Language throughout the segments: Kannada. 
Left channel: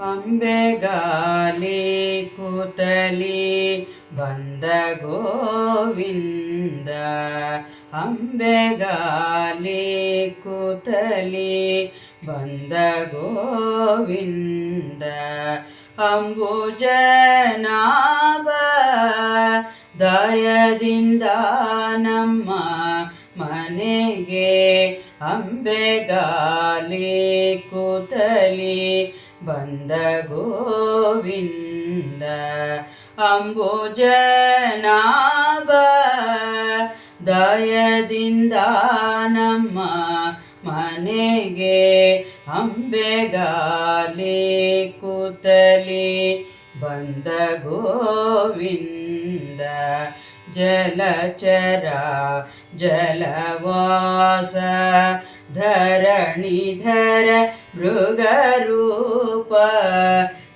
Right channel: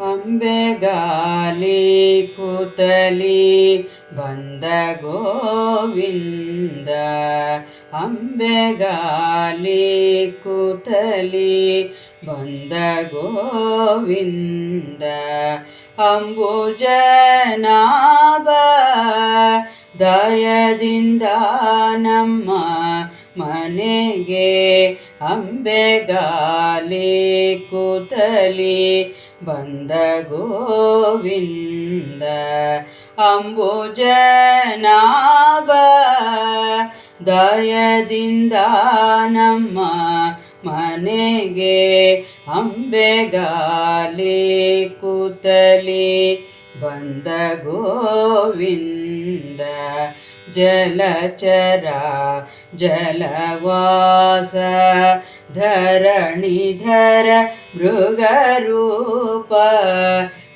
ಅಂಬೆಗಾಲಿ ಕೂತಲಿ ಬಂದ ಗೋವಿಂದ. ಅಂಬೆಗಾಲಿ ಕೂತಲಿ ಬಂದ ಗೋವಿಂದ. ಅಂಬುಜನಾಭ ದಯದಿಂದ ನಮ್ಮ ಮನೆಗೆ ಅಂಬೆಗಾಲಿ ಕೂತಲಿ ಬಂದ ಗೋವಿಂದ. ಅಂಬುಜನಾಭ ದಯದಿಂದ ನಮ್ಮ ಮನೆಗೆ ಅಂಬೆಗಾಲಿ ಕೂತಲಿ ಬಂದ ಗೋವಿಂದ. ಜಲಚರ ಜಲವಾಸ ಧರಣಿಧರ ಮೃಗರೂಪ.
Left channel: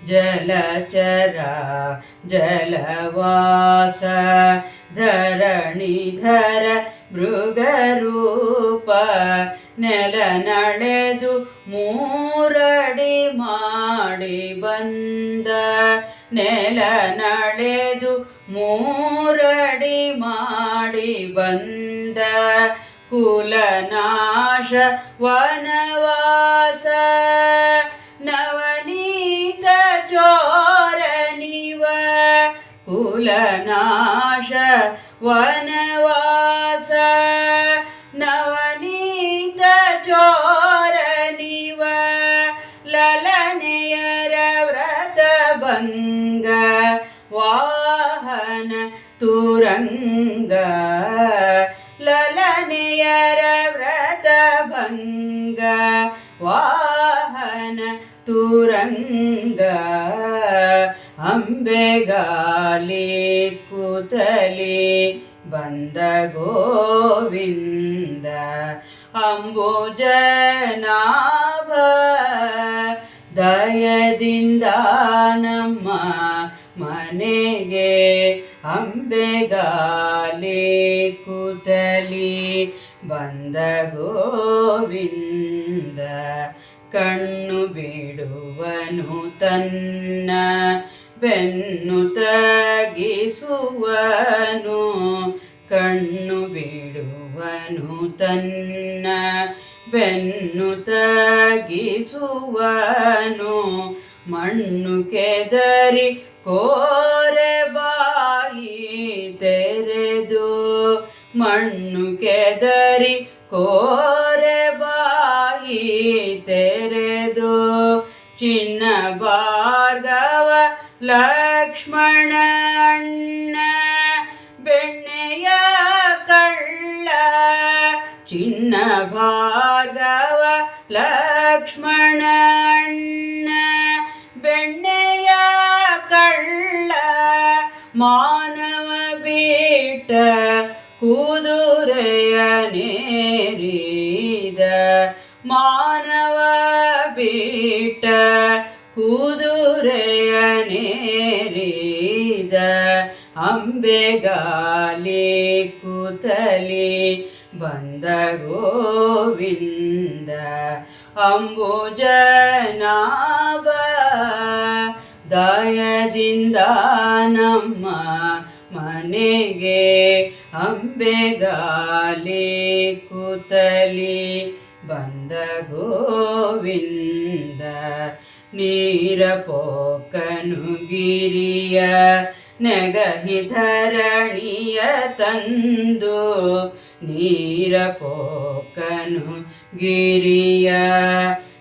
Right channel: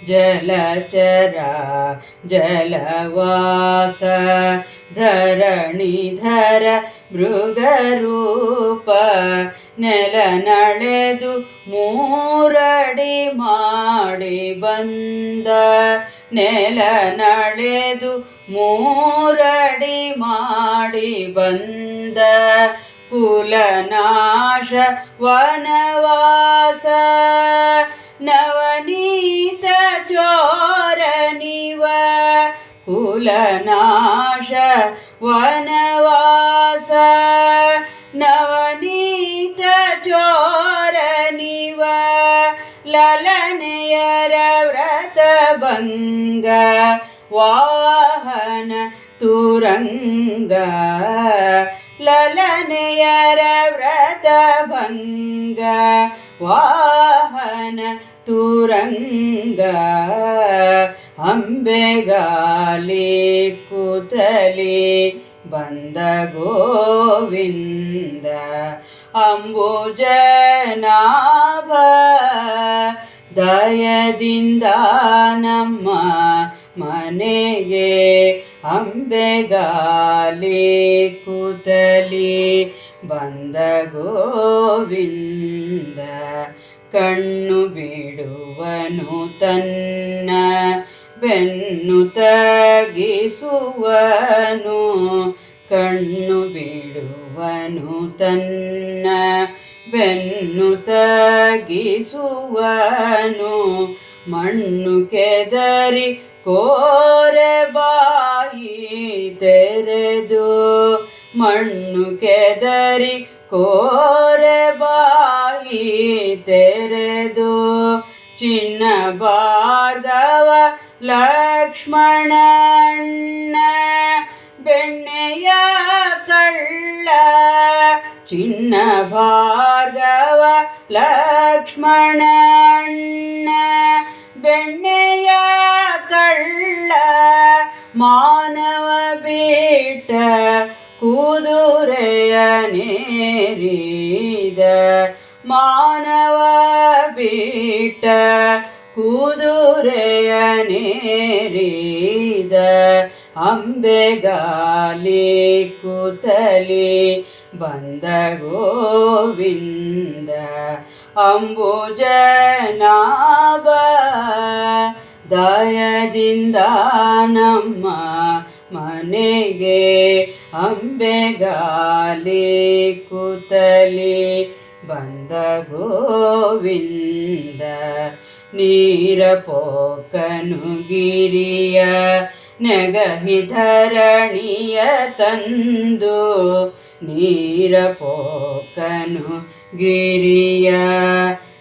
ಜಲಚರ ಜಲವಾಸ ಧರಣಿಧರ ಮೃಗರೂಪ. ನೆಲ ನಳೆದು ಮೂರಡಿ ಮಾಡಿ ಬಂದ. ನೆಲ ನಳೆದು ಮೂರಡಿ ಮಾಡಿ ಬಂದ. ಕುಲನಾಶ ವನವಾಸ ನವನೀತ ಚೋರನಿವ. ಕುಲನಾಶ ವನವಾಸ ನವನೀತ ಚೋರನಿವ. ಲಲನೆಯರ ವ್ರತಭಂಗ ವಾಹನ ತುರಂಗ. ಲಲನೆಯರ ವ್ರತಭಂಗ ವಾಹನ ತುರಂಗ. ಅಂಬೆಗಾಲಿ ಕೂತಲಿ ಬಂದ ಗೋವಿಂದ. ಅಂಬುಜನಾಭ ದಯದಿಂದ ನಮ್ಮ ಮನೆಗೆ ಅಂಬೆಗಾಲಿ ಕೂತಲಿ ಬಂದ ಗೋವಿಂದ. ಕಣ್ಣು ಬಿಡುವನು ತನ್ನ ಬೆನ್ನು ತಗ್ಗಿಸುವನು. ಕಣ್ಣು ಬಿಡುವನು ತನ್ನ ಬೆನ್ನು ತಗ್ಗಿಸುವನು. ಮಣ್ಣು ಕೆದರಿ ಕೋರೆ ಬಾಯಿ ತೆರೆದು. ಮಣ್ಣು ಕೆದರಿ ಕೋರೆ ಬಾಯಿ ತೆರೆದು. ಚಿನ್ನ ಭಾರ್ಗವ ಲಕ್ಷ್ಮಣ ಅಣ್ಣ ಬೆಣ್ಣೆಯ ಕಳ್ಳ. ಚಿನ್ನ ಭಾರ್ಗವ ಲಕ್ಷ್ಮಣ ಅಣ್ಣ ಬೆಣ್ಣೆಯ ಕಳ್ಳ. ಮಾನವ ಬಿಟ್ಟ ಕುದುರೆಯ ನೇರಿದ. ಮಾನವ ಬಿಟ್ಟ ಕುದುರೆಯ ನೇರಿದ. ಅಂಬೆಗಾಲಿ ಕೂತಲಿ ಬಂದ ಗೋವಿಂದ. ಅಂಬುಜನಾಭ ದಯದಿಂದ ನಮ್ಮ ಮನೆಗೆ ಅಂಬೆಗಾಲಿ ಕೂತಲಿ ಬಂದ ಗೋವಿಂದ. ನೀರ ಪೋಕನು ಗಿರಿಯ ನೆಗಹಿ ಧರಣಿಯ ತಂದು. ನೀರ ಪೋಕನು ಗಿರಿಯ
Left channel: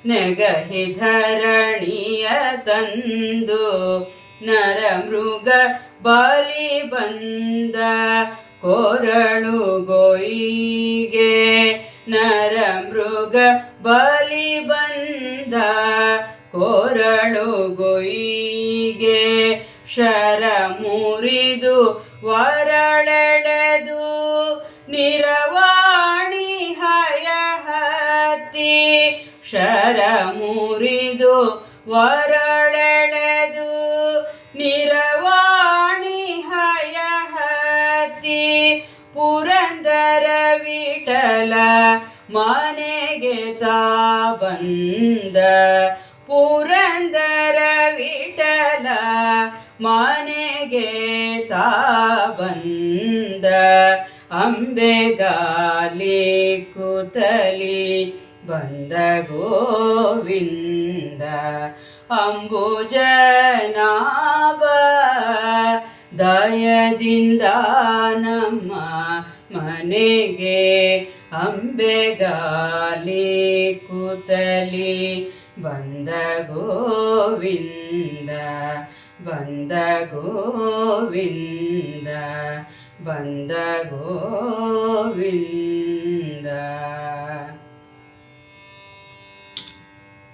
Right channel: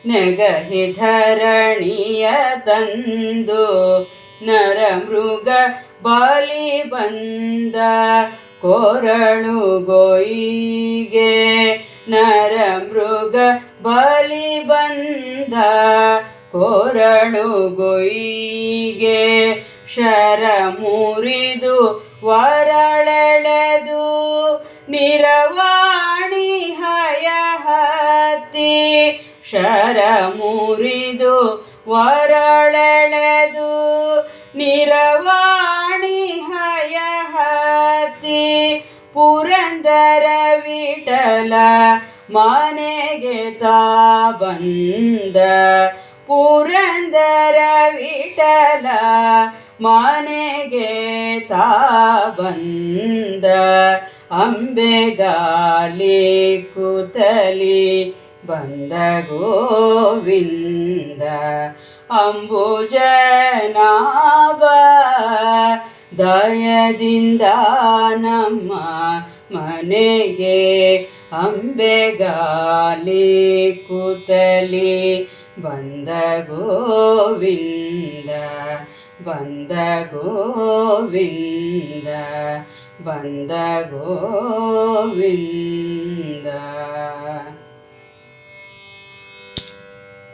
ನೆಗಹಿ ಧರಣಿಯ ತಂದು. ನರ ಮೃಗ ಬಲಿ ಬಂದ ಕೊರಳು ಗೋಯಿಗೆ. ನರ ಮೃಗ ಬಲಿ ಬಂದ ಕೊರಳು ಗೋಯಿಗೆ. ಶರ ಮುರಿದು ವರಳೆಳೆದು ನಿರವಾಣಿ ಹಯ ಹತ್ತಿ. ಶರ ಮುರಿದು ವರಳೆಳೆದು ನಿರವಾಣಿ ಹಯ ಹತ್ತಿ. ಪುರಂದರ ವಿಠಲ ಮನೆಗೆ ತಾ ಬಂದ. ಪುರಂದರ ವಿಠಲ ಮನೆಗೆ ತಾ ಬಂದ ಅಂಬೆಗಾಲಿ ಕೂತಲಿ ಬಂದ ಗೋವಿಂದ ಅಂಬುಜನಾಭ ದಯದಿಂದ ನಮ್ಮ ಮನೆಗೆ ಅಂಬೆಗಾಲಿ ಕೂತಲಿ ಬಂದ ಗೋವಿಂದ ಬಂದ ಗೋವಿಂದ ಬಂದ ಗೋವಿಂದ.